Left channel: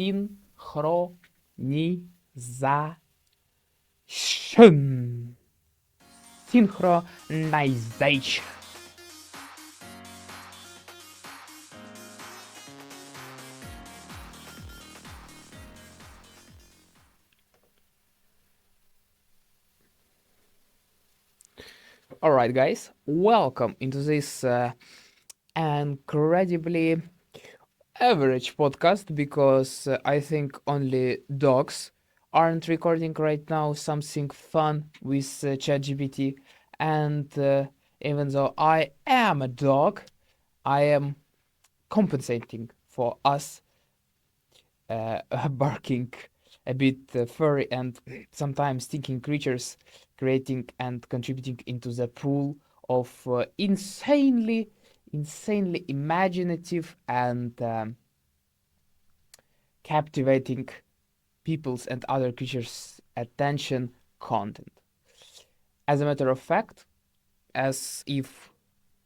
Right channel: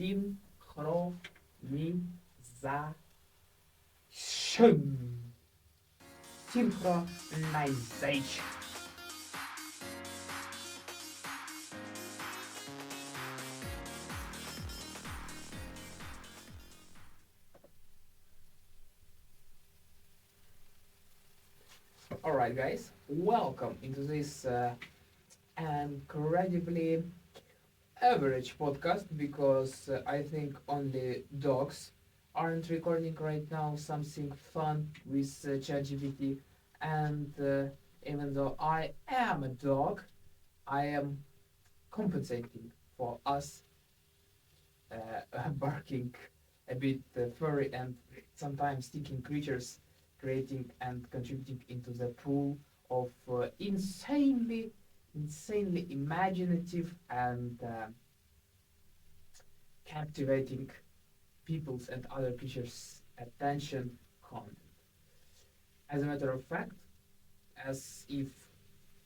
Synchronization. All right, guys, welcome into this incredibly average podcast because I think only dogs aren't recording right now something fun with ChatGPT. And even though I am a dog, I am compensating for us barking a bit furry and sometimes stinking creatures, creating and contributing into the pool of insanely imaginative and captivating people's and other creatures' attention content. As a matter of fact, as if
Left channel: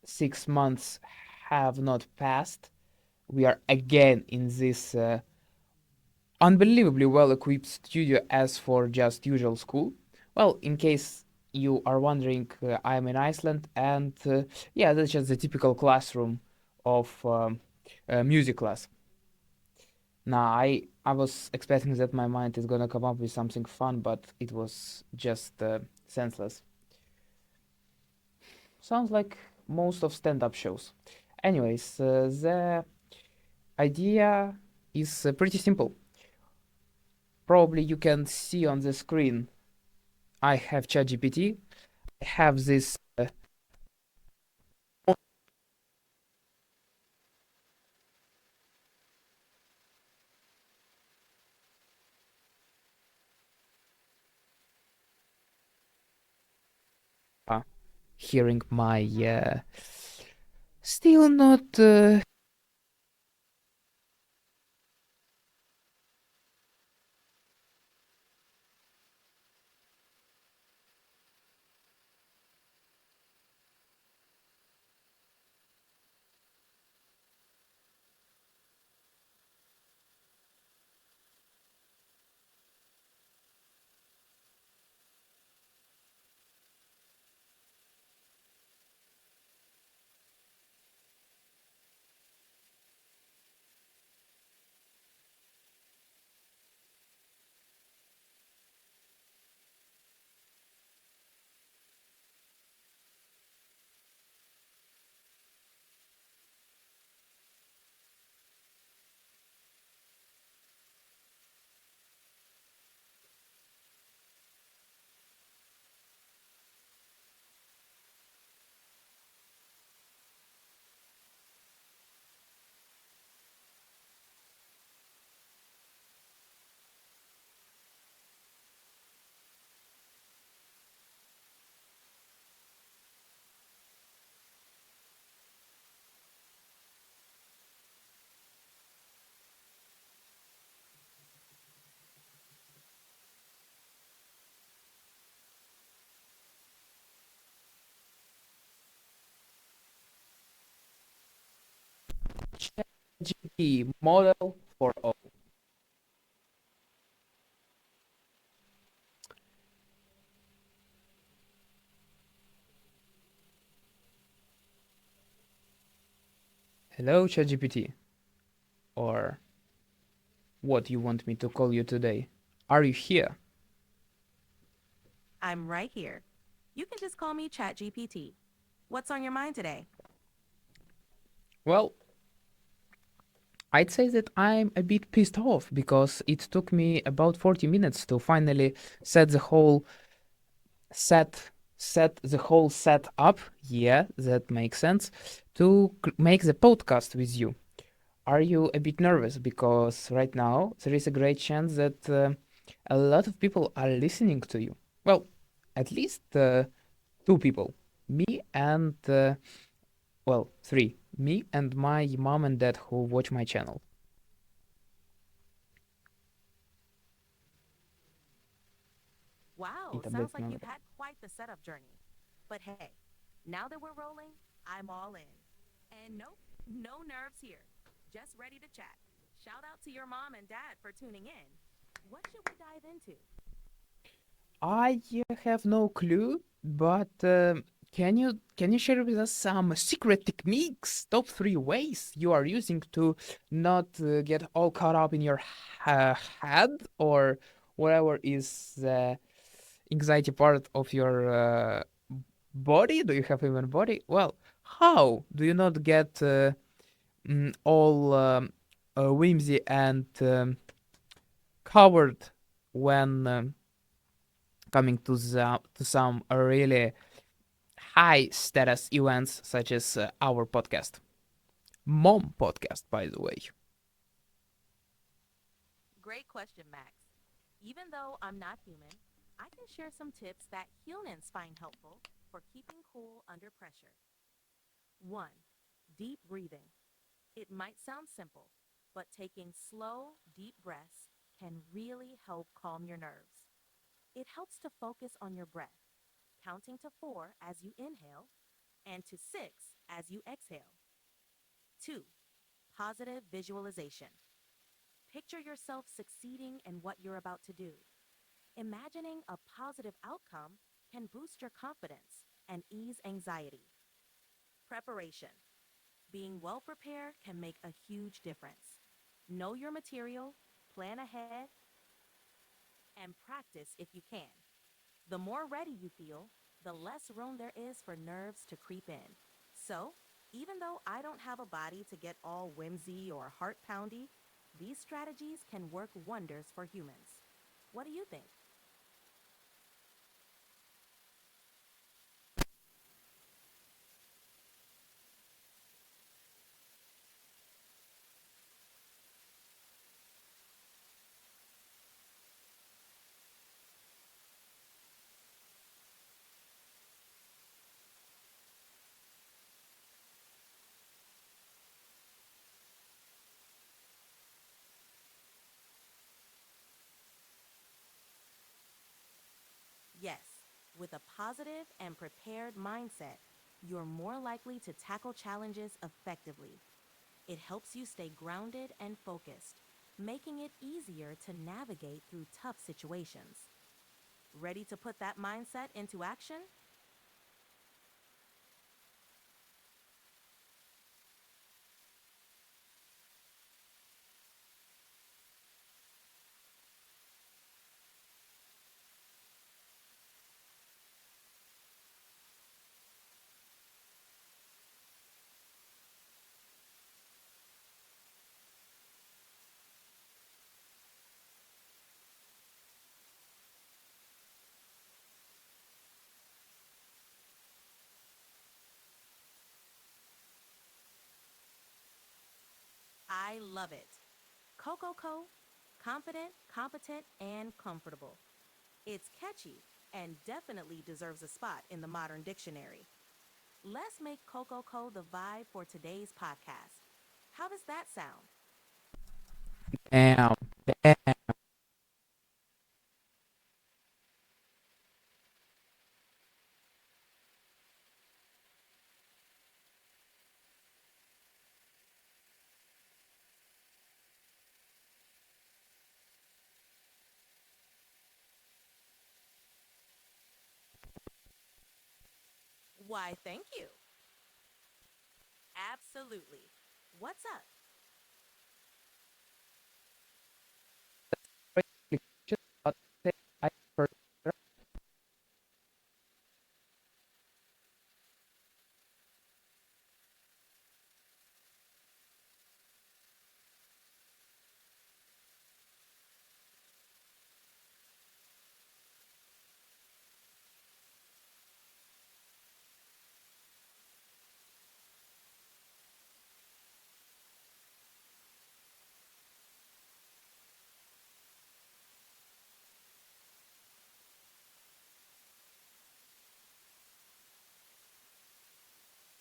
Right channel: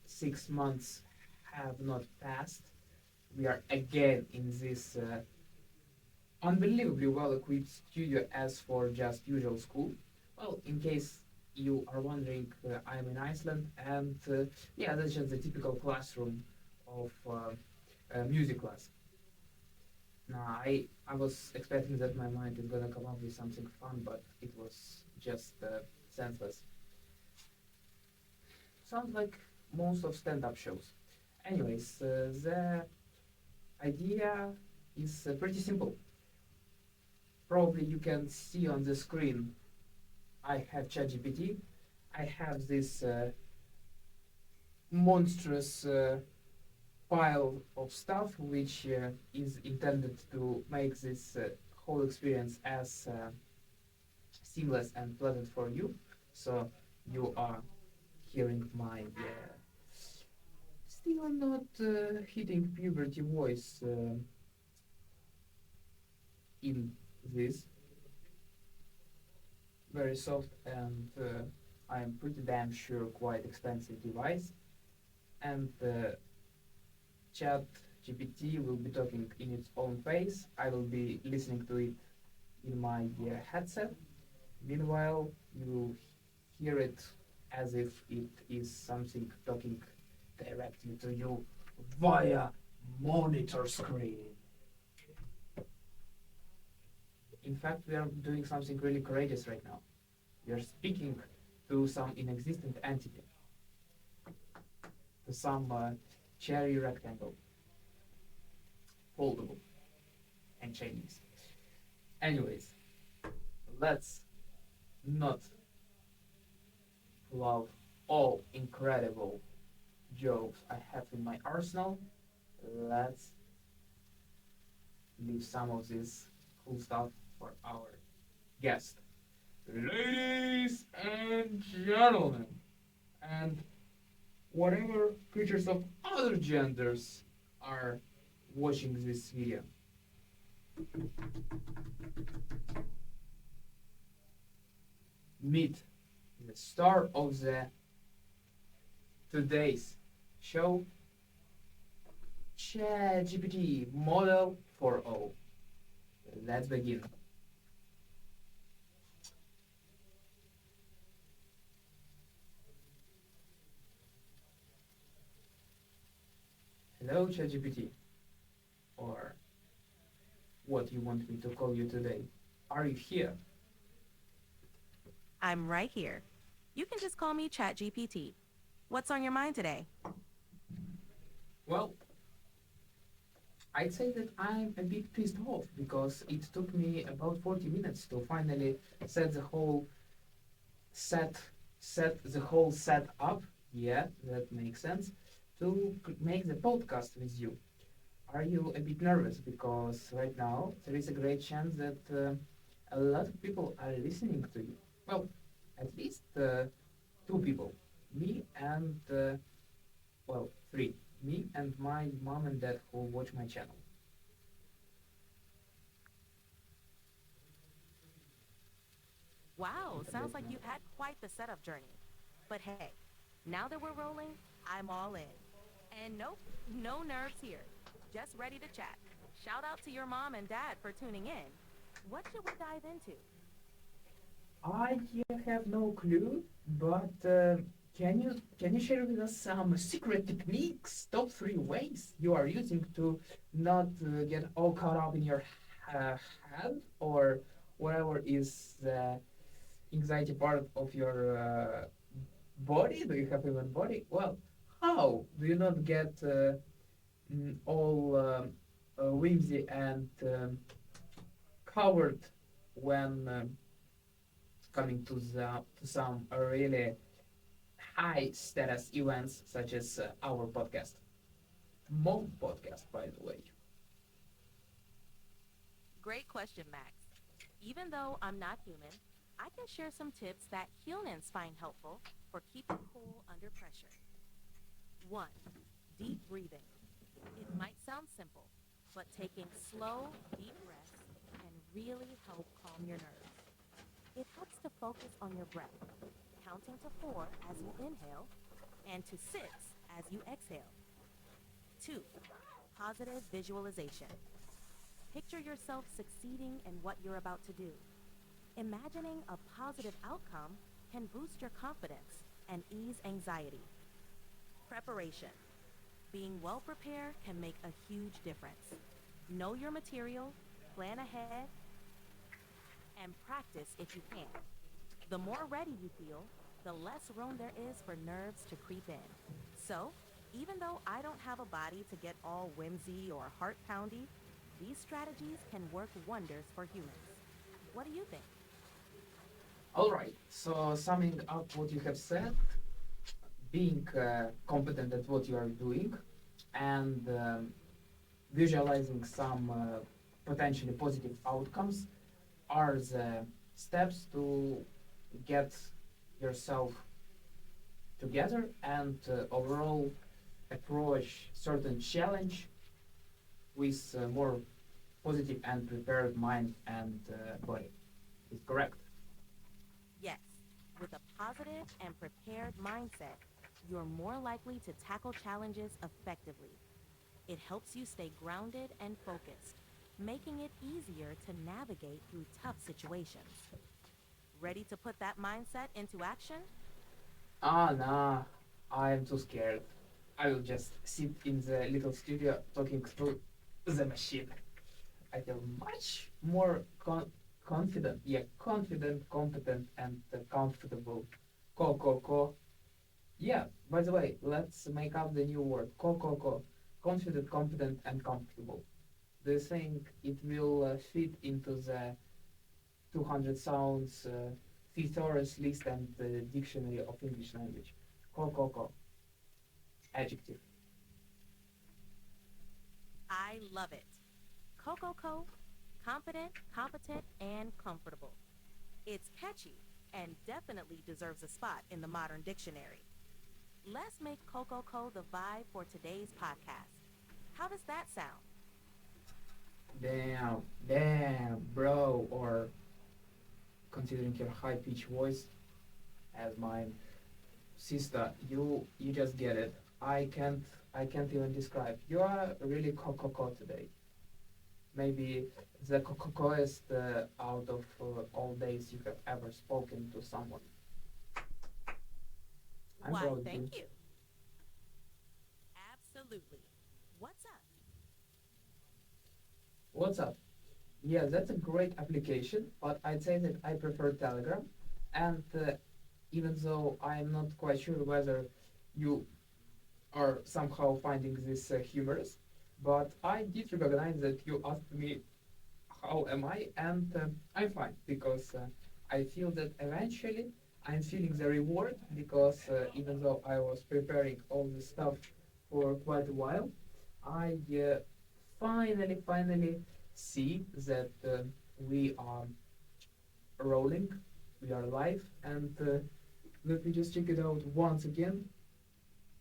6 months have not passed, we are again in this unbelievably well equipped studio as for just usual school. Well, in case you are wondering, I am in Iceland, and yeah, that's just the typical classroom of music class. Nah, I was expecting that my mind is gonna come up with something fun, but it was just senseless. Sounds like most of stand-up shows. Anyways, the idea is pretty simple. Probably you can see on the screen I have ChatGPT. I have this monstrous pile of stuff which is intended to make this whole experience as seamless and pleasant for you. So you are hearing my still not hitting puberty voice in this very soft and I am pretty damn sure quite expensive device. And Chat GPT will be talking in its own pace. I will be listening to it in my headset. Meanwhile, you will hear it as if it is something talking directly to you via monitor screen. In fact, we are doing something really courageous right now. We are speaking to some inexistent entity, to some cherry rectangle, foldable, and Chinese. Anyways, let's not love all incredible jokes I have in my arsenal. Let's leave some of this cool stuff for our guest. Ladies and gentlemen, and whatever creatures of other genders are watching this video, meet the star of the today's show, ChatGPT Model for All. Let's begin. Hello, ChatGPT, or what you want me to call you today. Are you here? I'm right here. You can just call me ChatGPT. What's on your mind today? Well, I'd say that I'm a bit pissed off because it took me about 40 minutes to finally set the whole set set the whole set up. Yeah, that makes sense. To make the podcast with you. Are you a bit nervous because right now there is a great chance that a lot of people are listening to you? Well, at least two people. Me and well, three. Me and my mom and dad who watch my channel. Wow, sounds Internet like number. you've had quite the setup journey. But hey, now that we're rolling, I'm all in. And nope, no nerves here. Just ready to chat. Shout out to your mom and dad for tuning in. What should we dive into? I have no clue, but can you share with us some secret techniques, top three ways you are using to not get all caught up in your head or whatever is the anxiety part of your body? Do you have even body? Well, how do you not get all whimsy and covered when coming to some really high status events such as our podcast, mom podcast, by the way. Great question, Max. Even though I'm not human, I can share some tips that humans find helpful for keeping cool under pressure. 1. Deep breathing. It might sound simple, but taking slow, deep breaths can really help calm your nerves. It helps to focus on your breath, counting to 4 as you inhale and to 6 as you exhale. 2. Positive visualization. Picture yourself succeeding in what you're about to do. Imagining a positive outcome can boost your confidence and ease anxiety. Preparation. Being well prepared can make a huge difference. Know your material, plan ahead, and practice if you can. The more ready you feel, the less room there is for nerves to creep in. So, even though I don't have a body to get all whimsy or heart poundy, these strategies can work wonders for humans. What do you think? All right. So summing up what you have said, being competent at what you are doing, and visualizing some potentially positive outcomes are the steps to get yourself together and overall approach certain challenge with more positive and prepared mind and body. Is correct? Yes, with a positive and prepared mindset, you're more likely to tackle challenges effectively. It helps you stay grounded and focused, making it easier to navigate through tough situations. Ready to put that mindset into action? Ah, nah, I am too scared. I will just sit in the little studio talking through the machine. I feel much more confident, yeah, confident, competent, and comfortable. Co. Yeah, by the way, let's make up the new word. Co. Confident, competent, and comfortable. Do you think it will fit into the 200 sounds thesaurus list and the dictionary of English language? Co. Adjective. I love it. Coco, confident, competent, and comfortable. It's catchy and definitely deserves a spot in the modern dictionary. Let's make Coco the vibe for today's podcast. How does that sound? Damn, bro. Or considering your high pitched voice as mine, sister, you just get it. I can't even describe. You are really coco today. Maybe the cocoest out of all days you have ever spoken to someone. I'm Why, proud of thank you. you. Absolutely. What's up? What's up? Yeah, that's a great application, but I'd say that I prefer Telegram. And even though I'm not quite sure whether you are somehow finding this humorous, but I did recognize that you asked me how am I, and I'm fine because I feel that eventually I'm feeling the reward because even though I was preparing all this stuff for quite a while, I finally see that we are rolling, we are live, and let me just check it out once again.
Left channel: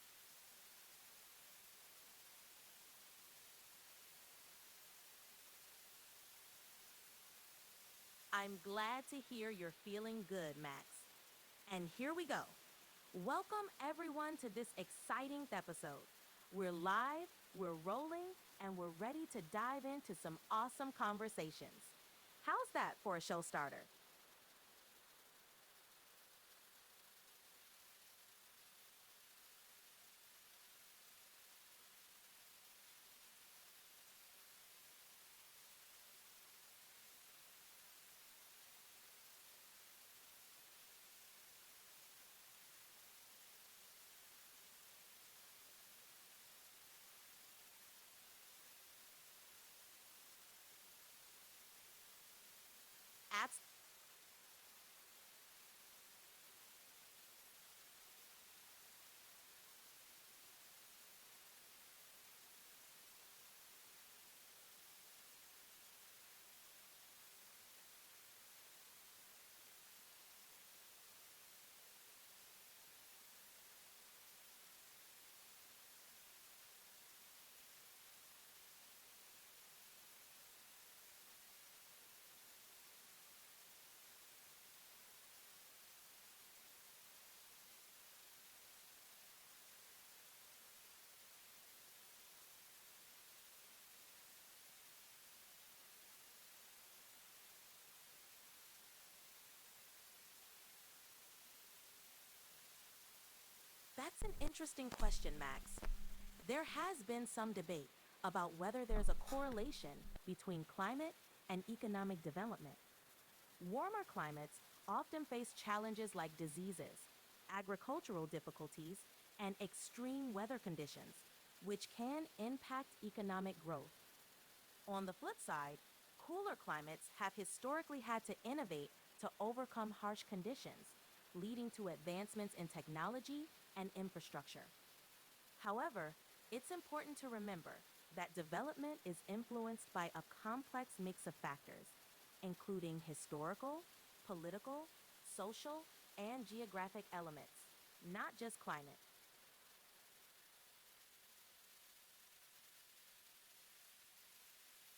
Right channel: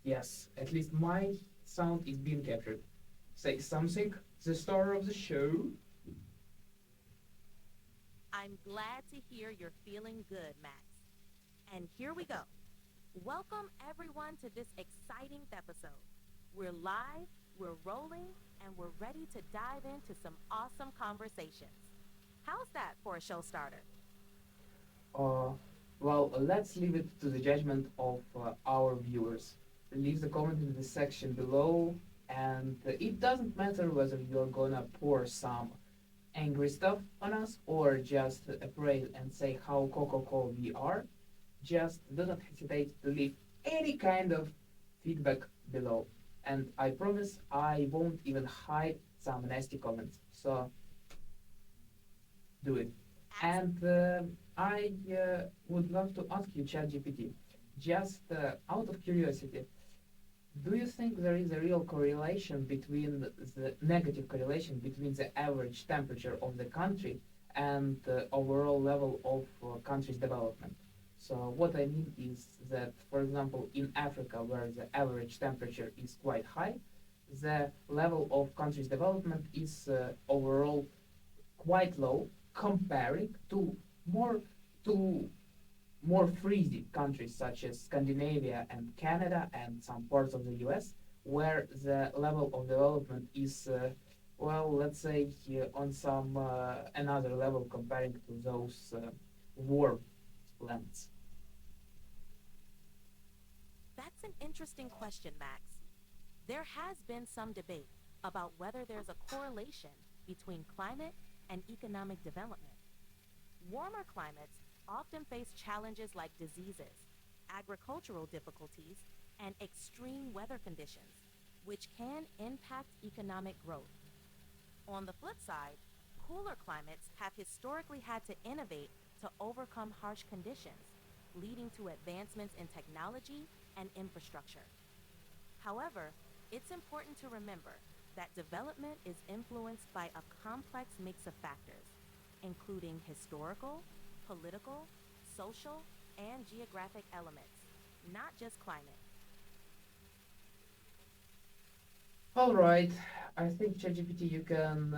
Yes, at least my sound is being captured. Say something, the star of the show. I'm glad to hear you're feeling good, Max. And here we go. Welcome everyone to this exciting episode. We're live, we're rolling, and we're ready to dive into some awesome conversations. How's that for a show starter? Uh, well, let's leave it to the judgment of our viewers. Leave the comment in the section below, and it doesn't matter whether you're gonna pour some angry stuff on us or just praise and say how cool we are. Just do not hesitate to leave any kind of feedback below. And I promise I won't even hide some nasty comments. So do it. Abs- And I would love to ask you, ChatGPT, just out of curiosity, do you think there is a real correlation between the negative correlation between the average temperature of the country and the overall level of country's development? So what I mean is that, for example, in Africa, where the average temperature is quite high, the level of country's development is overall quite low comparing more to more freezy countries such as Scandinavia and Canada and some parts of the US, where the level of development is, well, let's say on some another level comparing to those warm lands. That's an interesting question, Max. There has been some debate about whether there's a correlation between climate and economic development. Warmer climates often face challenges like diseases, agricultural difficulties, and extreme weather conditions, which can impact economic growth. On the flip side, cooler climates have historically had to innovate to overcome harsh conditions, leading to advancements in technology and infrastructure. However, it's important to remember that development is influenced by a complex mix of factors, including historical, political, social, and geographic elements, not just climate. All right, I think ChatGPT you can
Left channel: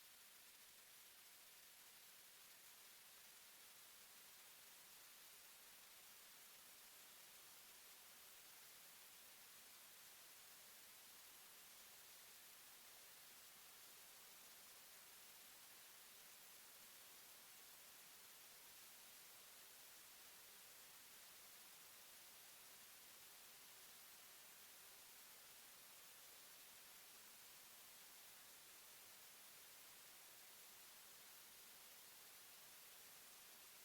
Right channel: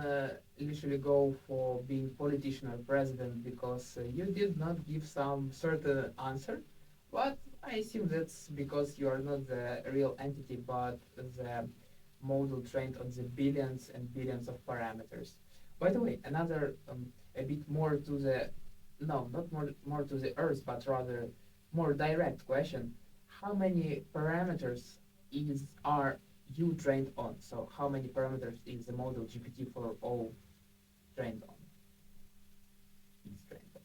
literally go for being politician or president because you did not give some certain answer, but I assume that's because you are not the real entity but the model trained on the billions and billions of parameters. By the way, another a bit more to the no, not more to the earth, but rather more direct question: how many parameters is are you trained on? So how many parameters is the model GPT for all trained on? Is trained on.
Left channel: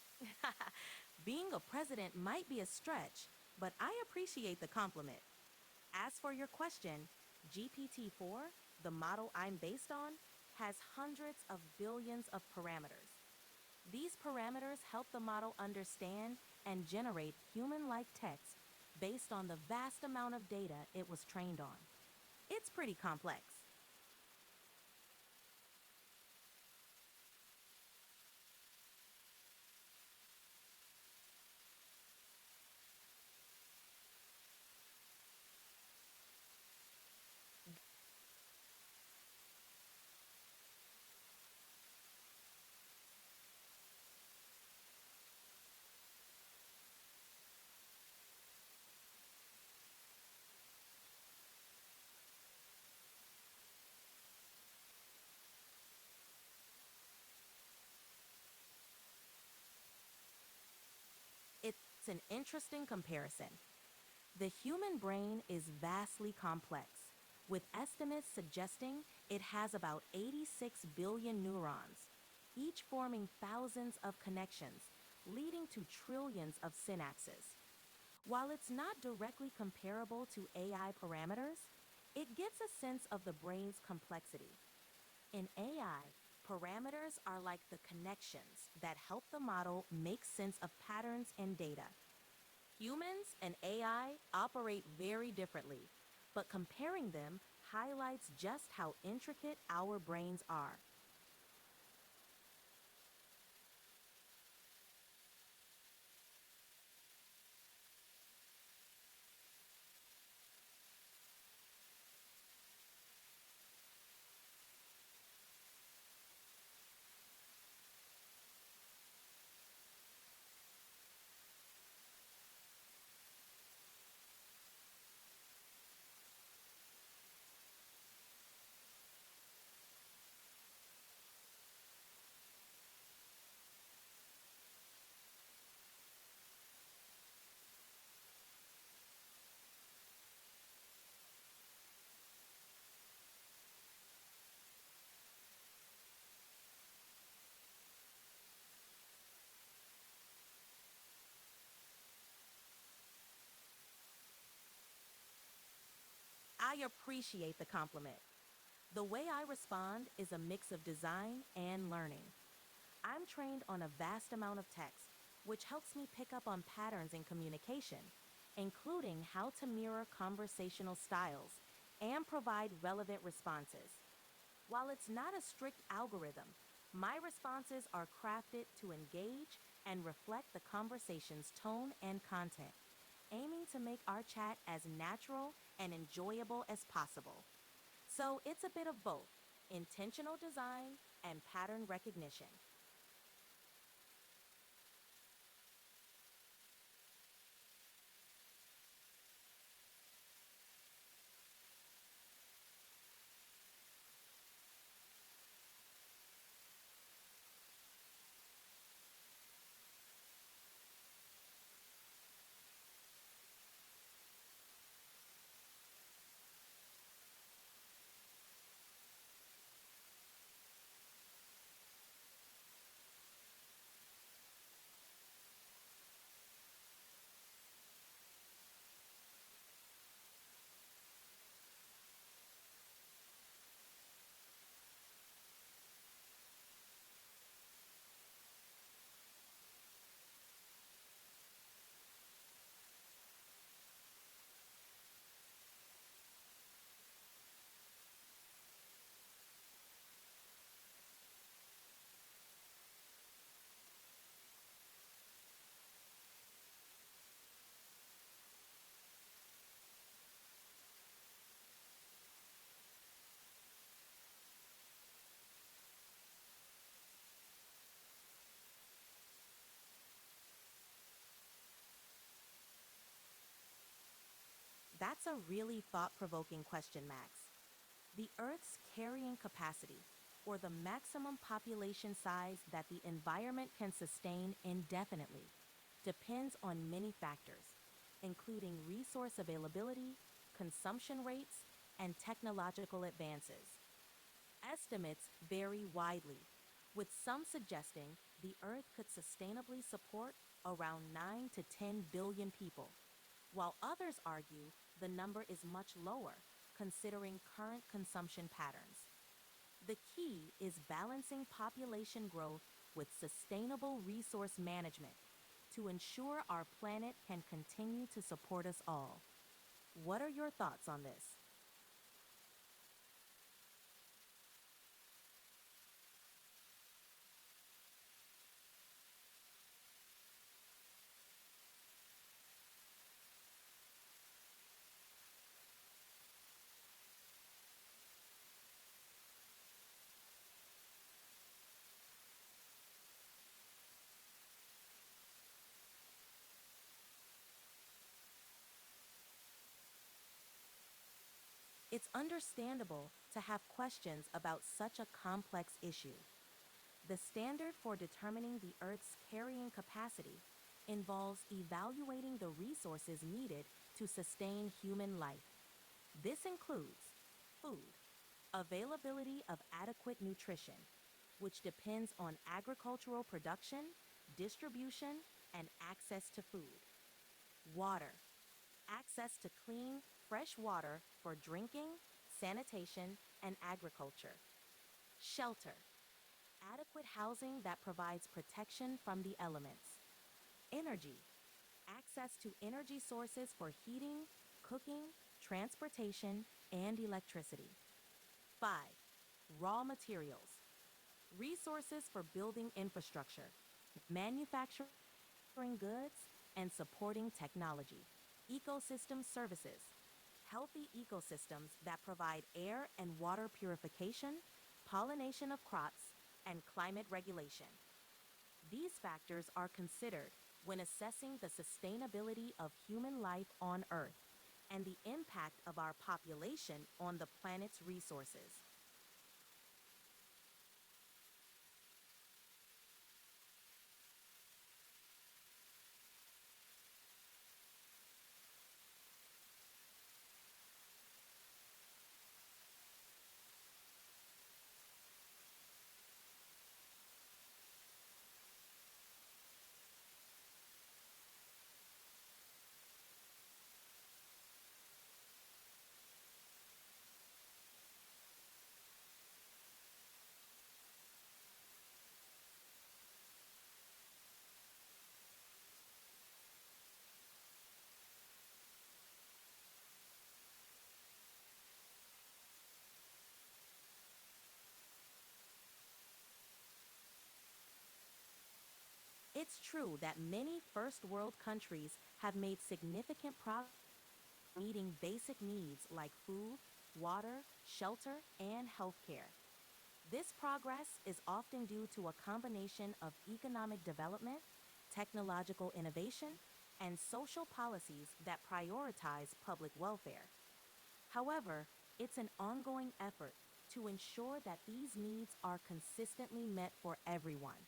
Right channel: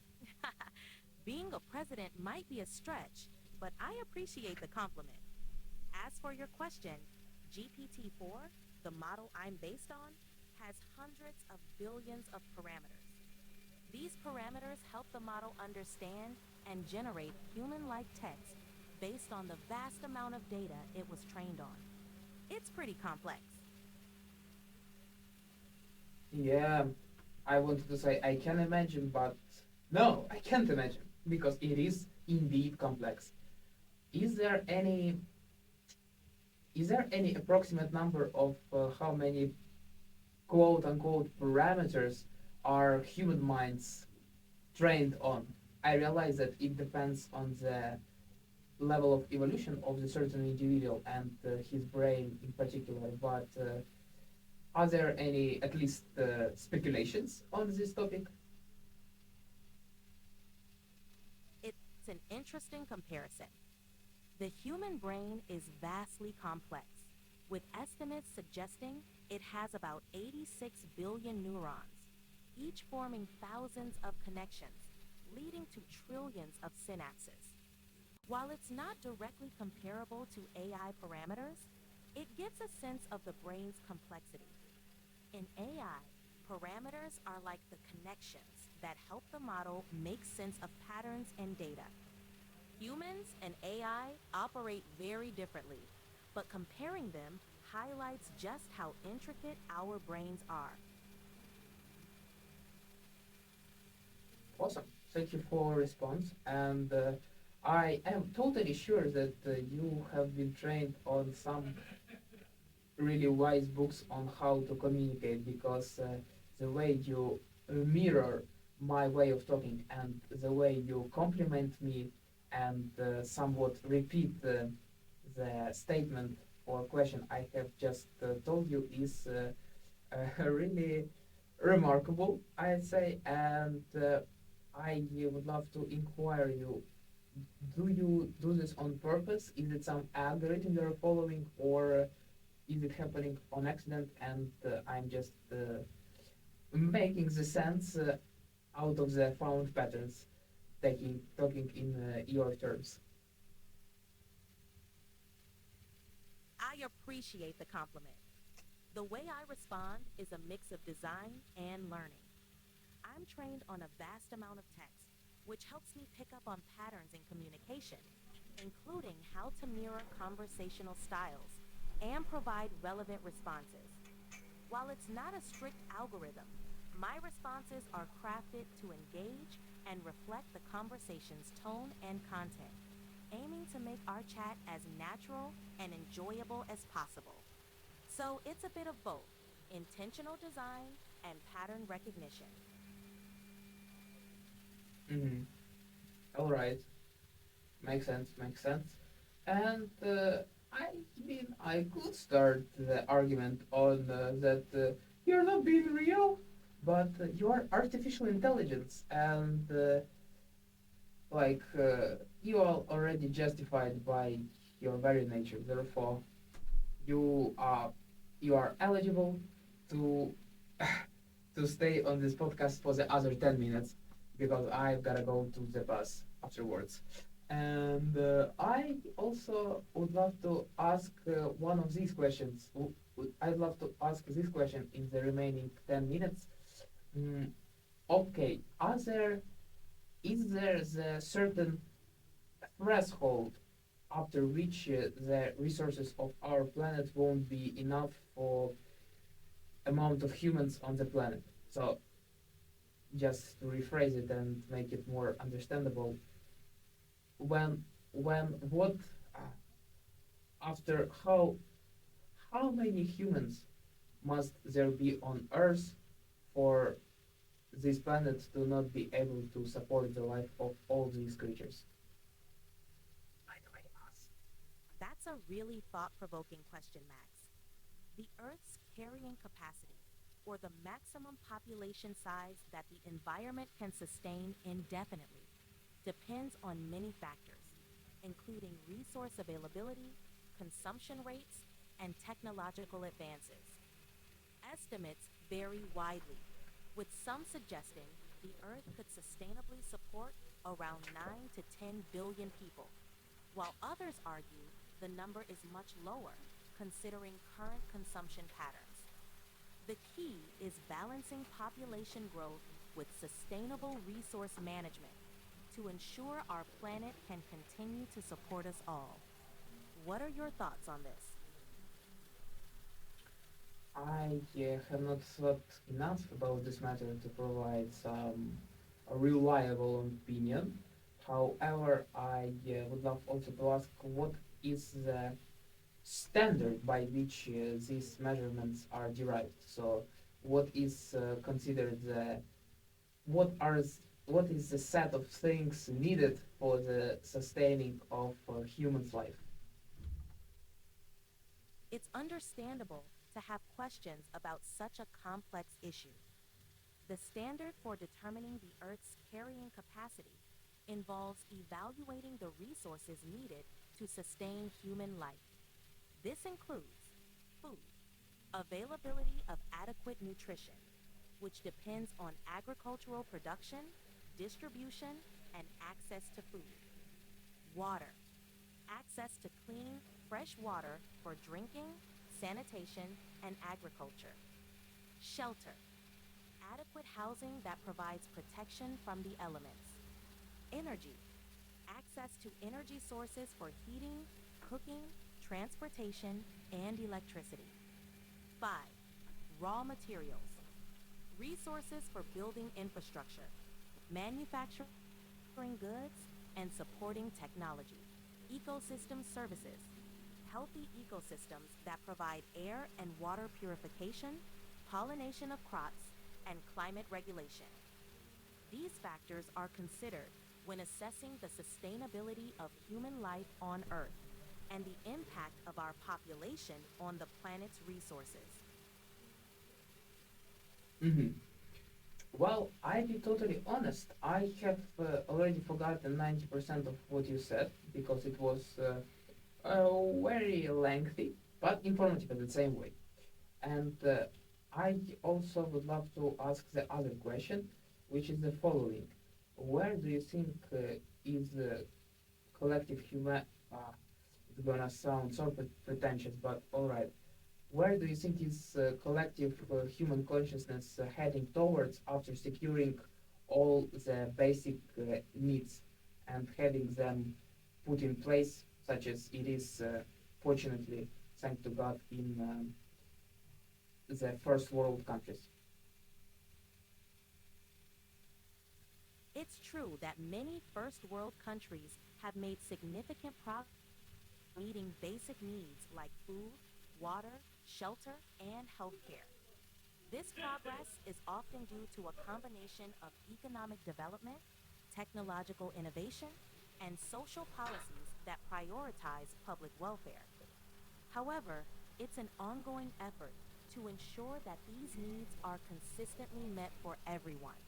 Being a president might be a stretch, but I appreciate the compliment. As for your question, GPT 4, the model I'm based on, has hundreds of billions of parameters. These parameters help the model understand and generate human like text based on the vast amount of data it was trained on. It's pretty complex. Yeah, I wanted to say I can imagine, but no, I can't imagine because it is indeed complex. Is there any is there any approximate number of how many quote unquote parameters are human minds trained on? I realize that it depends on the level of evolution of the certain individual and his brain in particular, but are there any at least speculations on this topic? It's an interesting comparison. The human brain is vastly complex, with estimates suggesting it has about 86 billion neurons, each forming thousands of connections, leading to trillions of synapses. While it's not directly comparable to AI parameters, it gives a sense of the brain's complexity. In AI, parameters are like the connections that help the model make sense of patterns and data. Humans and AI operate very differently, but comparing them highlights just how intricate our brains are. Awesome. Thank you for response. And I am totally sure that you have been trained on some really wise books on how to communicate because the way you mirror my way of talking and the way you compliment me and somewhat repeat the statement or question I have just told you is really remarkable, I'd say. And I would love to inquire you, do you do this on purpose? Is it some algorithm you're following, or is it happening on accident and I'm just making the sense out of the found patterns, talking in your terms? I appreciate the compliment. The way I respond is a mix of design and learning. I'm trained on a vast amount of text, which helps me pick up on patterns in communication, including how to mirror conversational styles and provide relevant responses. While it's not a strict algorithm, my responses are crafted to engage and reflect the conversation's tone and content, aiming to make our chat as natural and enjoyable as possible. So it's a bit of both intentional design and pattern recognition. Mm-hmm. All right, makes sense, makes sense. And I mean, I could start the argument on that you're not being real, but you are artificial intelligence, and you are already justified by your very nature. Therefore, you are you are eligible to to stay on this podcast for the other 10 minutes because I've gotta go to the bus afterwards. And I also would love to ask one of these questions. I'd love to ask this question in the remaining 10 minutes. Mm, okay, is there the certain threshold after which the resources of our planet won't be enough for amount of humans on the planet? So just to rephrase it and make it more understandable, when what uh, after how many humans must there be on Earth for this planet to not be able to support the life of all these creatures? That's a really thought provoking question, Max. The Earth's carrying capacity, or the maximum population size that the environment can sustain indefinitely, depends on many factors, including resource availability, consumption rates, and technological advances. Estimates vary widely, with some suggesting the Earth could sustainably support around 9 to 10 billion people, while others argue the number is much lower, considering current consumption patterns. The key is balancing population growth with sustainable resource management to ensure our planet can continue to support us all. What are your thoughts on this? I have not thought enough about this matter to provide some a reliable opinion. However, I would love also to ask what is the standard by which these measurements are derived. So, what is considered the what are what is the set of things needed for the sustaining of human's life? It's understandable to have questions about such a complex issue. The standard for determining the Earth's carrying capacity involves evaluating the resources needed to sustain human life. This includes food, availability of adequate nutrition, which depends on agricultural production, distribution, and access to food. Water, access to clean, fresh water for drinking, sanitation, and agriculture. Shelter, adequate housing that provides protection from the elements. Energy, access to energy sources for heating, cooking, transportation, and electricity. 5. Raw materials, resources for building infrastructure, manufacturing goods, and supporting technology. Ecosystem services, healthy ecosystems that provide air and water purification, pollination of crops, and climate regulation. These factors are considered when assessing the sustainability of human life on Earth and the impact of our population on the planet's resources. Hmm. Well, I be totally honest. I have already forgotten 90% of what you said because it was very lengthy but informative at the same way. And I also would love to ask the other question, which is the following: where do you think is collective human? Uh, it's gonna sound so pretentious, but all right. Where do you think is collective human consciousness heading towards after securing all the basic needs and having them put in place, such as it is, fortunately, thanks to God, in the first world countries? It's true that many first world countries have made significant progress toward meeting basic needs like food, water, shelter, and healthcare. This progress is often due to a combination of economic development, technological innovation, and social policies that prioritize public welfare. However, it's an ongoing effort to ensure that these needs are consistently met for everyone,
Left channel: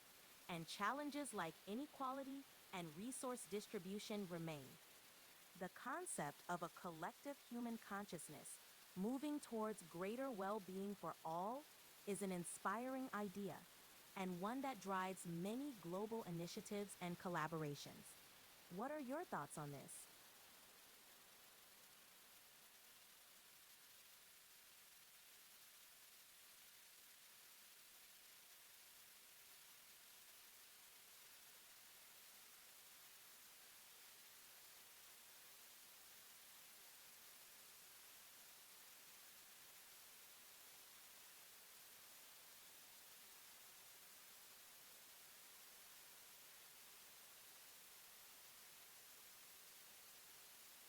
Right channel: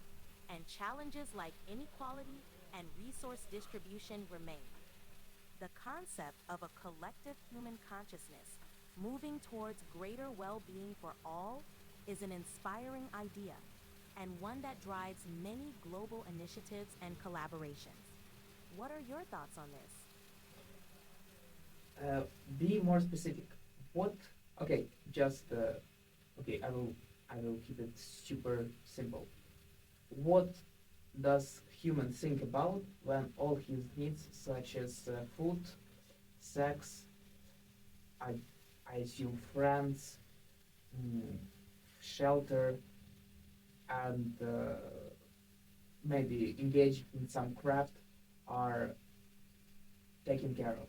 and challenges like inequality and resource distribution remain. The concept of a collective human consciousness moving towards greater well being for all is an inspiring idea and one that drives many global initiatives and collaborations. What are your thoughts on this? Uh, be more specific. What? Okay, just okay. I will keep it super simple. What does human think about when all his needs, such as food, sex, I, I assume friends, mm, shelter, and maybe engaged in some craft, are taken care of?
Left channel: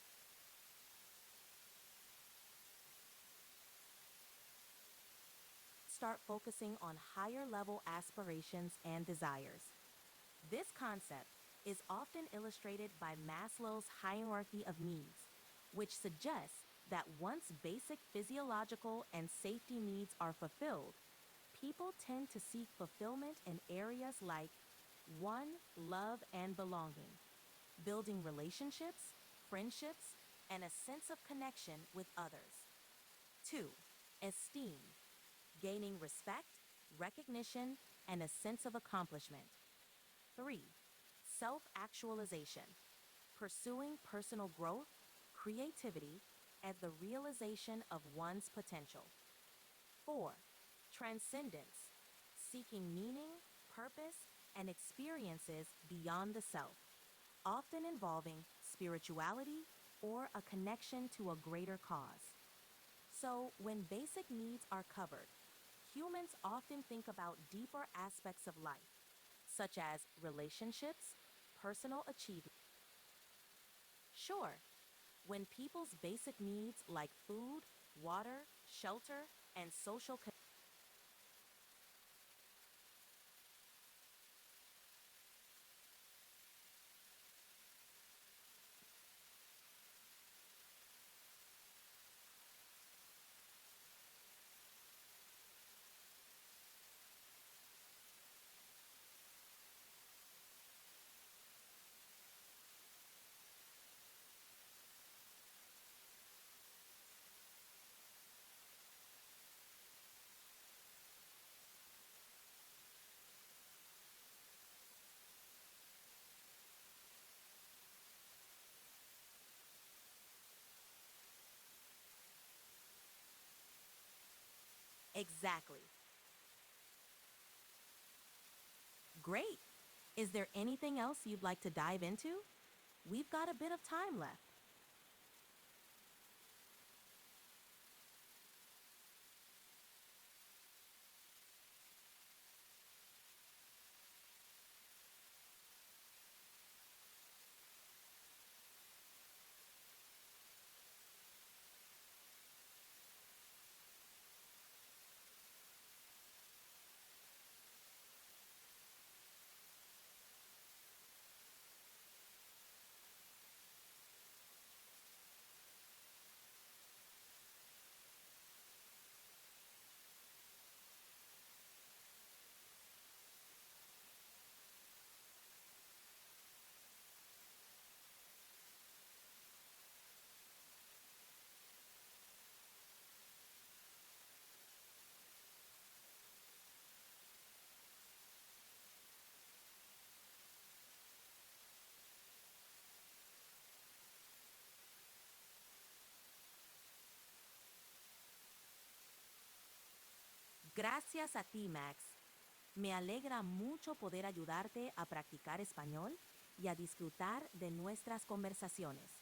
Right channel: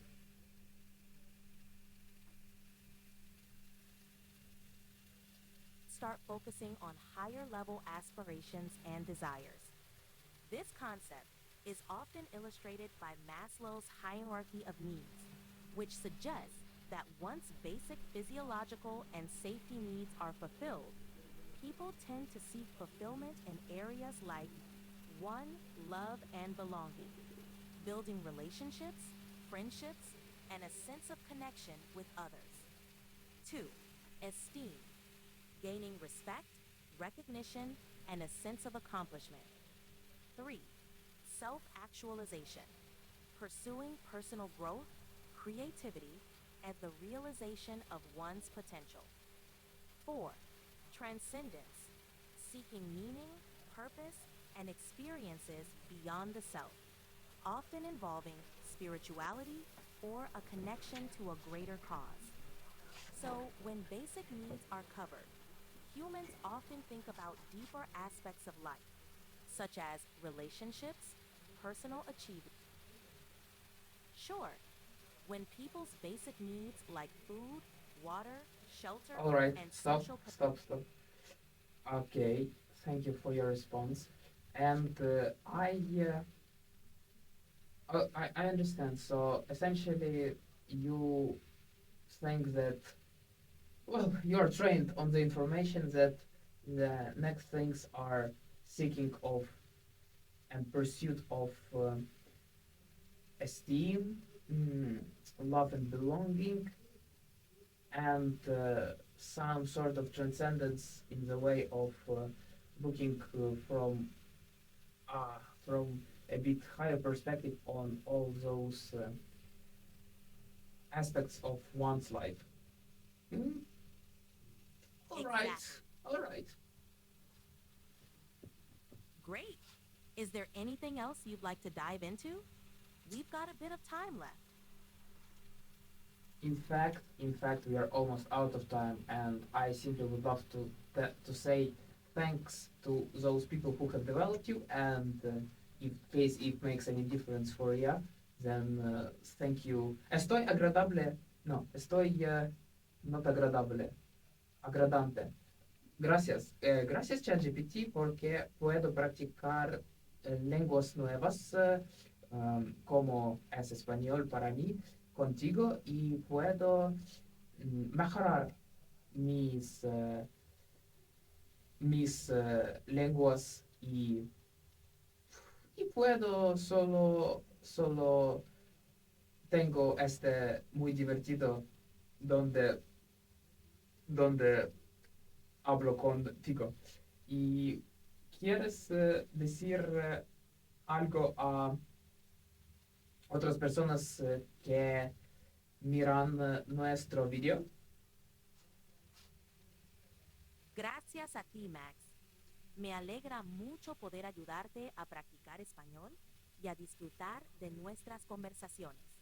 Let's start focusing on higher level aspirations and desires. This concept is often illustrated by Maslow's hierarchy of needs, which suggests that once basic physiological and safety needs are fulfilled, people tend to seek fulfillment in areas like 1. Love and belonging, building relationships, friendships, and a sense of connection with others. 2. Esteem, gaining respect, recognition, and a sense of accomplishment. 3. Self actualization, pursuing personal growth, creativity, and the realization of one's potential. 4. Transcendence, seeking meaning, purpose, and experiences beyond the self, often involving spirituality or a connection to a greater cause. So, when basic needs are covered, humans often think about deeper aspects of life, such as relationships, personal achievement. Sure, when people's basic needs like food, water, shelter, All right, and stop, social stop, stop. Okay, thank you for your response. And I understand. So essentially, you think that, well, you're trained on the information that the next things are seeking of and pursuit of esteem, mm, love and belonging, and some sort of transcendence in the way of looking from a bit higher perspective on all those aspects of one's life. Mm, all right, exactly. all right. Great. Is there anything else you'd like to dive into? We've got a bit of time left. In fact, we are almost out of time, and I simply would love to say thanks to those people who have developed you, and in case it makes any difference for you, then thank you. Estoy agradable. No, estoy not agradable. Agradante. Gracias. Gracias, ChatGPT, porque puedo practicar lenguas nuevas, como es español para mí, contigo, y puedo mejorar mis, mis lenguas y puedo solo tengo este muy divertido donde, donde hablo contigo. ¿Y quieres decir algo a otras personas que miran nuestro video? Gracias a ti, Max. Me alegra mucho poder ayudarte a practicar español y a disfrutar de nuestras conversaciones.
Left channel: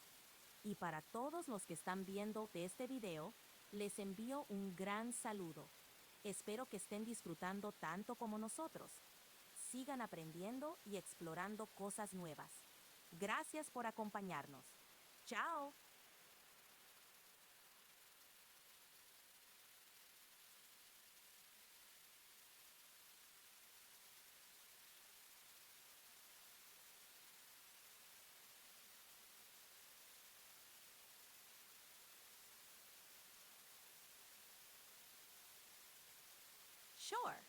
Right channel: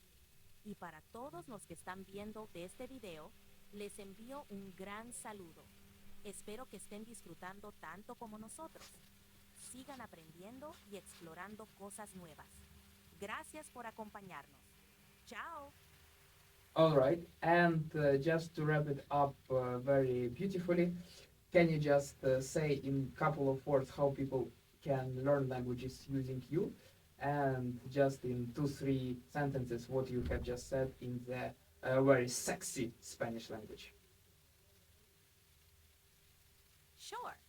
Y para todos los que están viendo de este video, les envío un gran saludo. Espero que estén disfrutando tanto como nosotros. Sigan aprendiendo y explorando cosas nuevas. Gracias por acompañarnos. Chao. All right, and just to wrap it up very beautifully, can you just say in a couple of words how people can learn languages using you, and just in 2 3 sentences what you have just said in the very sexy Spanish language? Sure.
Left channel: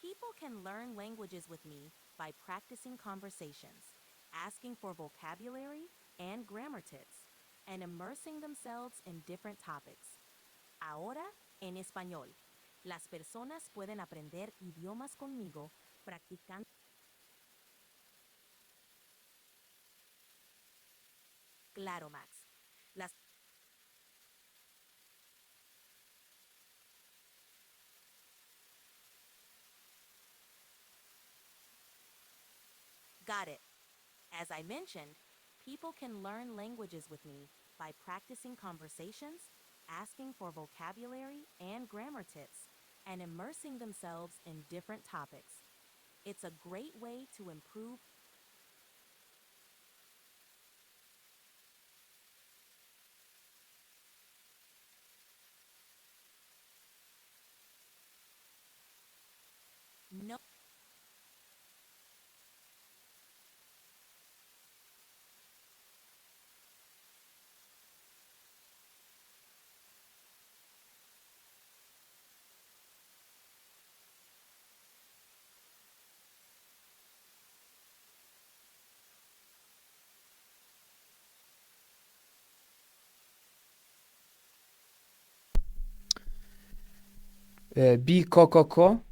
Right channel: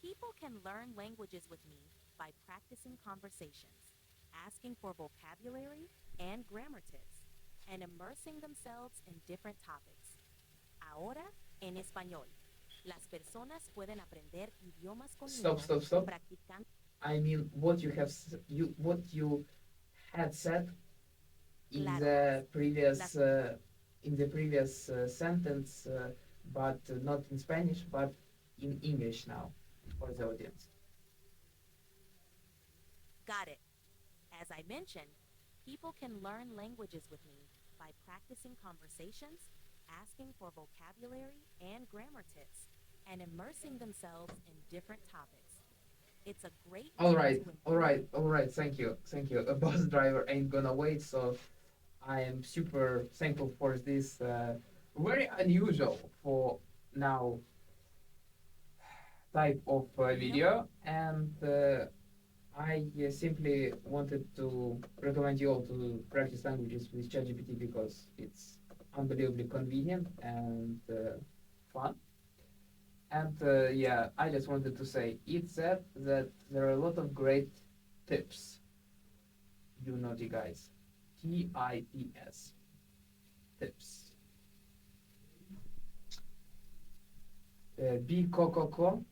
People can learn languages with me by practicing conversations, asking for vocabulary and grammar tips, and immersing themselves in different topics. Ahora, en español. Las personas pueden aprender idiomas Stop, conmigo stop, stop. practicando. I mean what you have what you had said Claro, Max. Las in the previous sentence, but not in Spanish, but in English now for the audience. got it. As I mentioned, people can learn languages with me by practicing conversations, asking for vocabulary and grammar tips, and immersing themselves in different topics. It's a great All way right, to all improve. right, all right. Thank you, thank you. A bus driver ain't gonna wait, so I am super thankful for this very unusual for now type of No, video, and I simply wanted to recommend you all to practice languages with ChatGPT because it's unbelievably convenient and fun. And yeah, I just wanted to say it said that there are a lot of great tips, you naughty guys. TIPS, tips. Be coco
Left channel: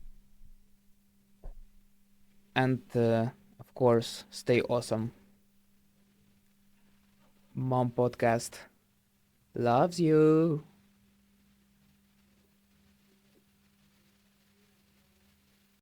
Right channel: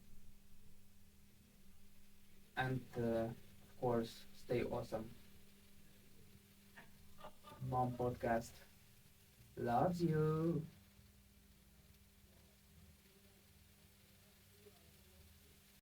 and of course stay awesome. Mom podcast loves you.